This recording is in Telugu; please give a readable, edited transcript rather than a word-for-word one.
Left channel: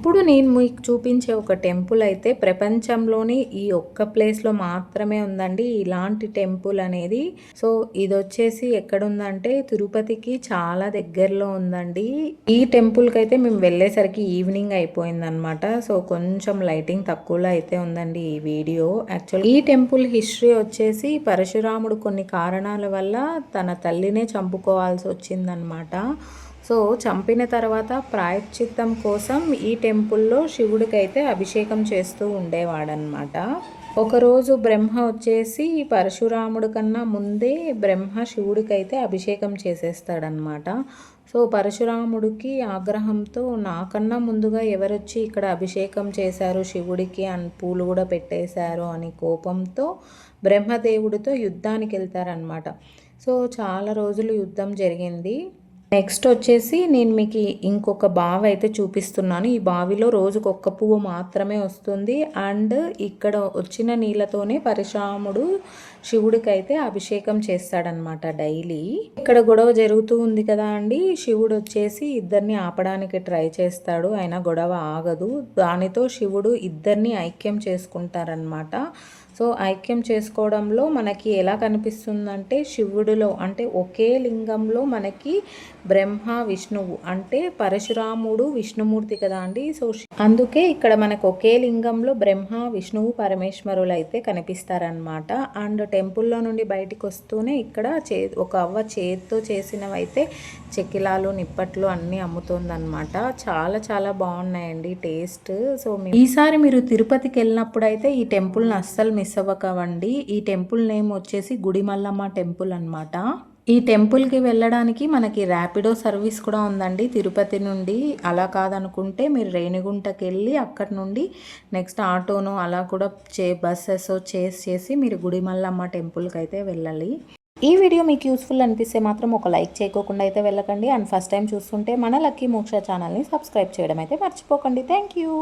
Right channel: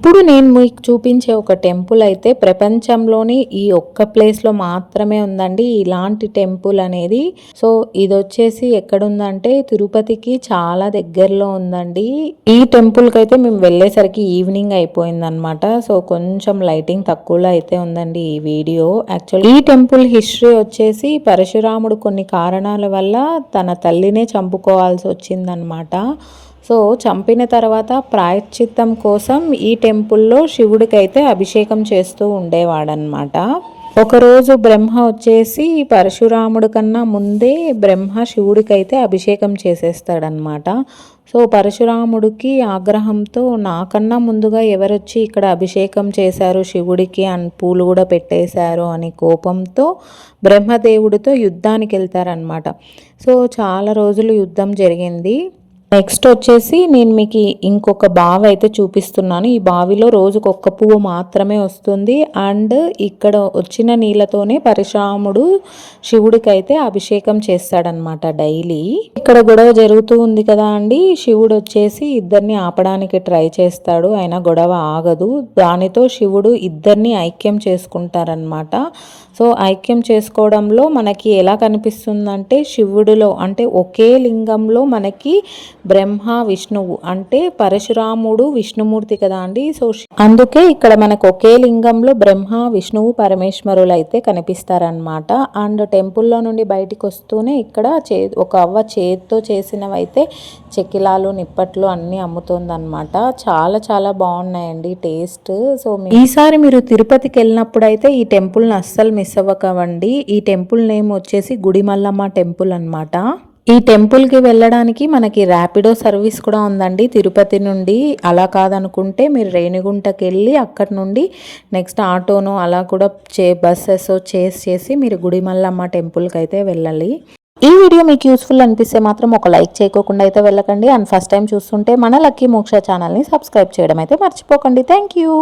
ఇప్పుడు నేను మీకు చూపించే ఒక టెంపుల్ అయితే ప్రపంచంలోని ఈ ఒక్క ప్లేస్లో మాత్రమే ఉందండి ఇలాంటి టెంపుల్ అనేది. సో ఇది వచ్చేసి ఎక్కడుందంటే తిరుపతికి చాలా దగ్గరలో ఉందండి. ఈ టెంపుల్కి అయితే మేము వెళ్ళేసరికి ఈవినింగ్ అయిపోయిందనమాట. సో కొంచెం లైటింగ్ తక్కువలో అయితే ఉందండి ఈ వీడియో. యాక్చువల్లీ ఈ టెంపుల్ హిస్టరీ వచ్చేసి పరశురాముడు కొన్ని కారణాల వల్ల తన తల్లినే చంపుకోవాల్సి వచ్చిందనమాట. సో చంపిన తర్వాత ప్రాయశ్చిత్తం కోసం ఈ టెంపుల్లో శివుడికైతే అభిషేకం చేస్తూ ఉండేవాడనమాట. ఒకరోజు బ్రహ్మ వచ్చేసి పరశురాముడి కన్నా ముందే బ్రహ్మ శివుడికైతే అభిషేకం చేసేస్తాడనమాట. సో పరశురాముడికి ఆగ్రహంతో నాకన్నా ముందుగా ఎవరొచ్చి ఇక్కడ అభిషేకం చేశారు శివుడికి అని పూలు కూడా పెట్టేశారు అని కోపంతో బ్రహ్మదేవుడితో యుద్ధానికి వెళ్తారనమాట. సో చాలా రోజులు యుద్ధం జరిగింది. నెక్స్ట్ వచ్చేసి నేను మీకు ఇంకొక బావి అయితే చూపిస్తున్నాను. ఈ బావిలో రోజుకు ఒక్క పువ్వు మాత్రమే వస్తుంది. అండ్ ఇక్కడ వచ్చిన నీళ్ళతోనే పరశురాముడు శివుడికైతే అభిషేకం చేస్తాడనమాట డైలీ. ఇక్కడ గొడవ జరుగుతూ ఉంది కదా అండి, శివుడు వచ్చేసి ఇద్దరిని ఆపడానికి ట్రై చేస్తాడు, అయినా గొడవ ఆగదు. దానితో శివుడు ఇద్దరిని ఐక్యం చేసుకుంటారనమాట. సో ఐక్యం చేసుకోవడంలో మనకి ఎలా కనిపిస్తుందంటే శివుడిలో అంటే ఒకే లింగంలో మనకి బ్రహ్మ విష్ణువు అంటే పరశురాముడు విష్ణుమూర్తి కదా అండి. సో అందుకే ఇక్కడ మనకు ఒకే లింగంలో బ్రహ్మ విష్ణువు పరమేశ్వరులు అయితే కనిపిస్తారనమాట. అండ్ టెంపుల్లో నుండి బయటికి వస్తూనే ఇక్కడ ఒక అవ్వ చేతితో చేసినవైతే చెక్కిలాలు నిప్పట్లు అన్నీ అమ్ముతుందన్నమాట. చాలా చాలా బాగున్నాయండి టేస్ట్. సో ఈసారి మీరు తిరుపతికి వెళ్ళినప్పుడు అయితే ఈ టెంపుల్ని అస్సలు మిస్ అవ్వకండి. ఈ టెంపుల్ నేమ్ వచ్చేసి గుడిమల్లమ్మ టెంపుల్ అనమాట. ఈ టెంపుల్కి వెళ్ళడానికి మనకి ర్యాపిడో సర్వీస్ కూడా ఉందండి తిరుపతి నుండి. అలా కాదనుకుంటే మీరు రేణిగుంటకి వెళ్ళి అక్కడి నుండి నెక్స్ట్ ఆటోను అలా కూడా బస్సెస్ చేసి మీరు గుడిమల్లమ్మ టెంపుల్కి అయితే వెళ్ళాలి. ఈ వీడియో మీకు యూస్ఫుల్ అనిపిస్తే మాత్రం ఒక లైక్ చేయకోకుండా అయితే వెళ్ళకండి. అండ్ ఫస్ట్ టైం చూస్తుంటే మన లక్కీ మోక్ష ఛానల్ని సబ్స్క్రైబ్ చేయడం అయితే మర్చిపోకండి. Thank you.